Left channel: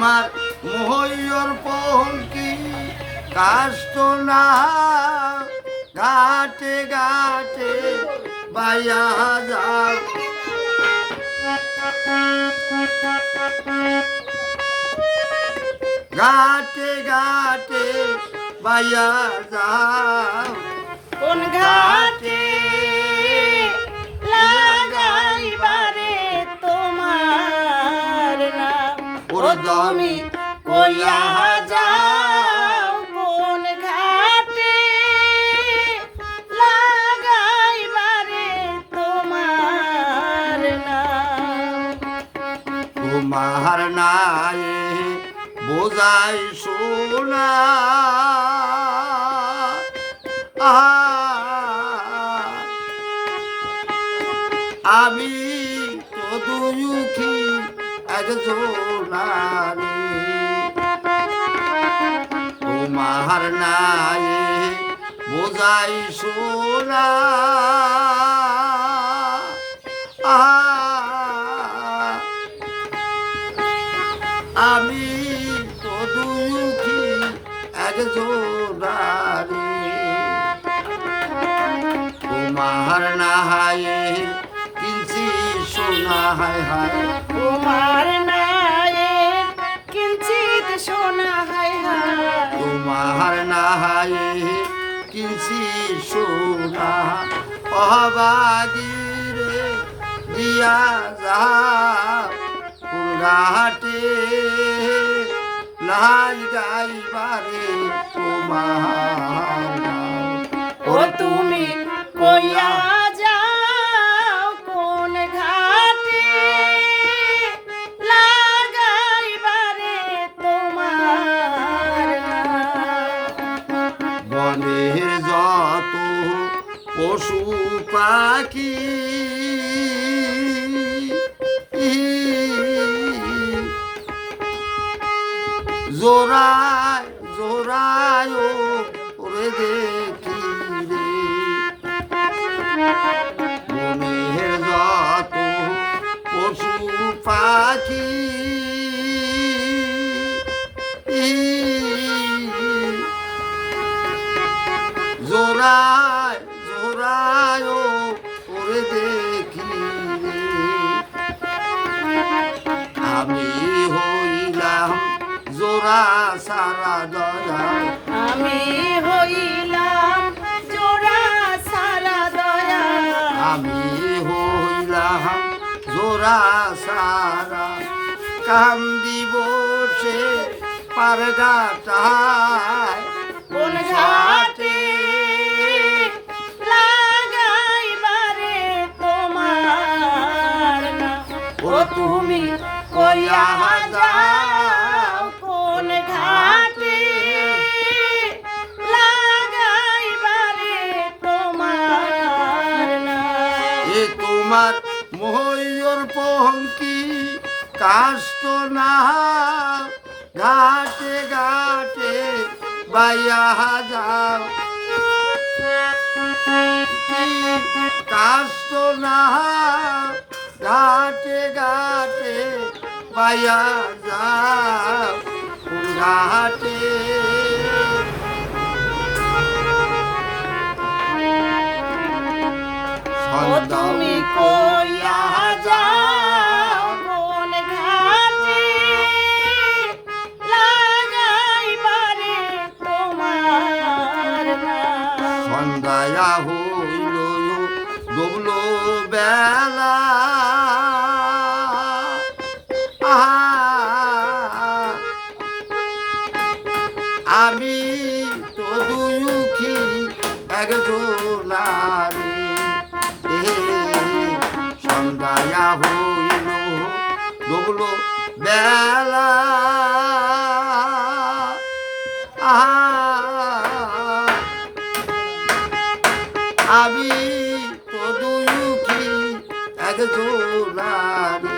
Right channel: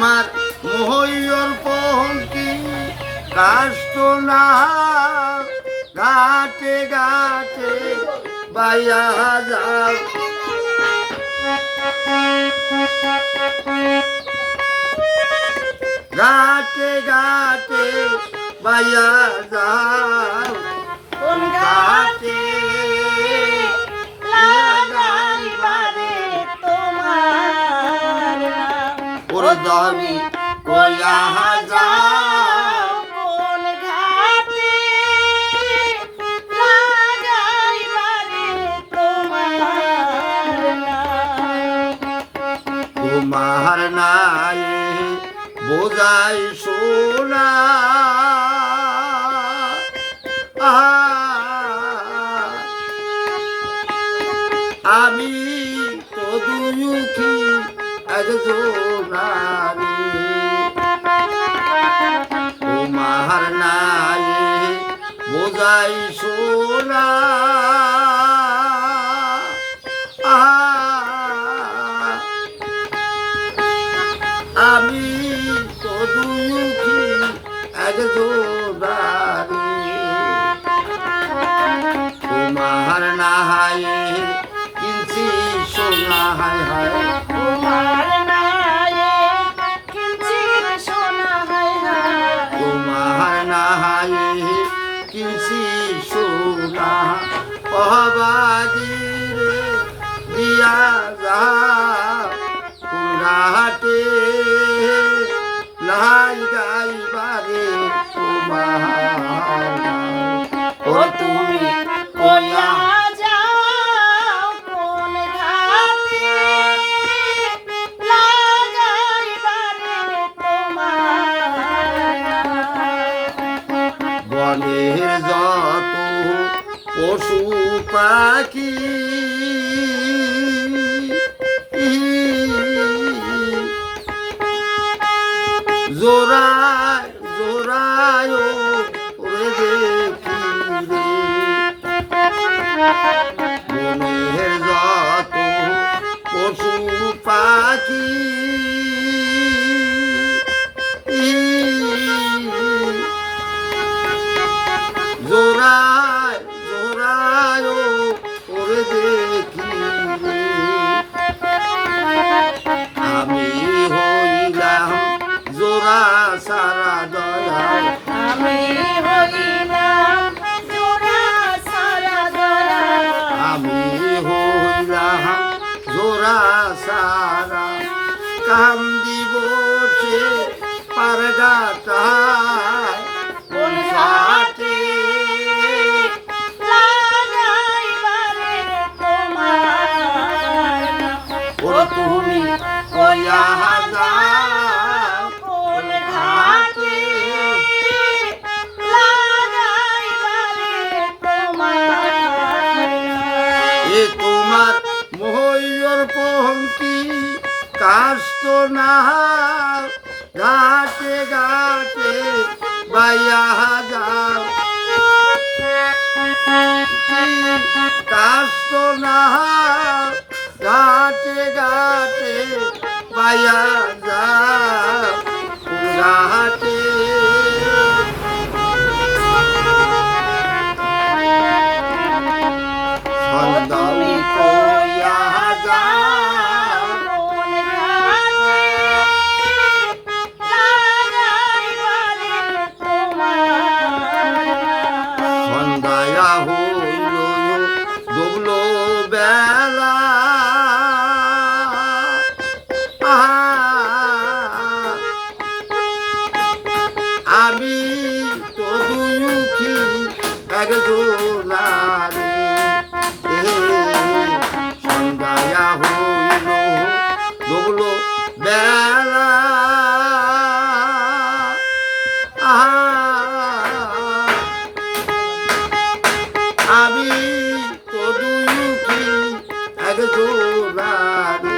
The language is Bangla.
তোমার মহৈয়র পঙ্কি কাষ্ট না ঘাটে ঘাটে বাইয়া যাও ঘাটে ঘাটে বাইয়া যাও কোন ঘাটে লাগাইবারে তোমার নাম ওরে দমি কইয়া যাও কোন ঘাটে লাগাইবারে তোমার নাম তোমার নাই বোঝাই সোনা আমি তো দুঃখী একজনারে তোমার নাই বোঝাই সোনা আমি তো দুঃখী একজনারে তোমার নাই কিনছি সোনা হায় হায় তোমার নায়ে কিঞ্চিত সোনা হায় হায় তোমার নাই কিনছি সোনা অবাগিরে দিয়া যা ঘাটে লাই গাইবারে তোমার ও তুমি কইয়া যাও কোন ঘাটে লাগাইবারে তোমার বনের যত পশু পাখি জোড়ায় জোড়ায় ওরে দেখি রে বনের যত পশু পাখি জোড়ায় জোড়ায় ওরে দেখি রে আমি হইলাম জোড়া সারা দয়া আমি হইলাম জোড়া সারা দয়া আমি হইলাম জোড়া সারা কান্দি বসে পারগাটায় কোন ঘাটে লাগাইবারে তোমার নাম ও তুমি কইয়া যাও কোন ঘাটে লাগাইবারে তোমার নাম এ তোমার মহৈয়র পঙ্কি কাষ্ট না ঘাটে ঘাটে বাইয়া যাও কাষ্ট না ঘাটে ঘাটে বাইয়া যাও ঘাটে তুমি কইয়া যাও কোন ঘাটে লাগাইবারে তোমার নাম সন্ধ্যায়া হইল ডুবল বেলা আমি তো দুঃখী একজনারে সন্ধ্যায়া হইল ডুবল বেলা আমি তো দুঃখী একজনারে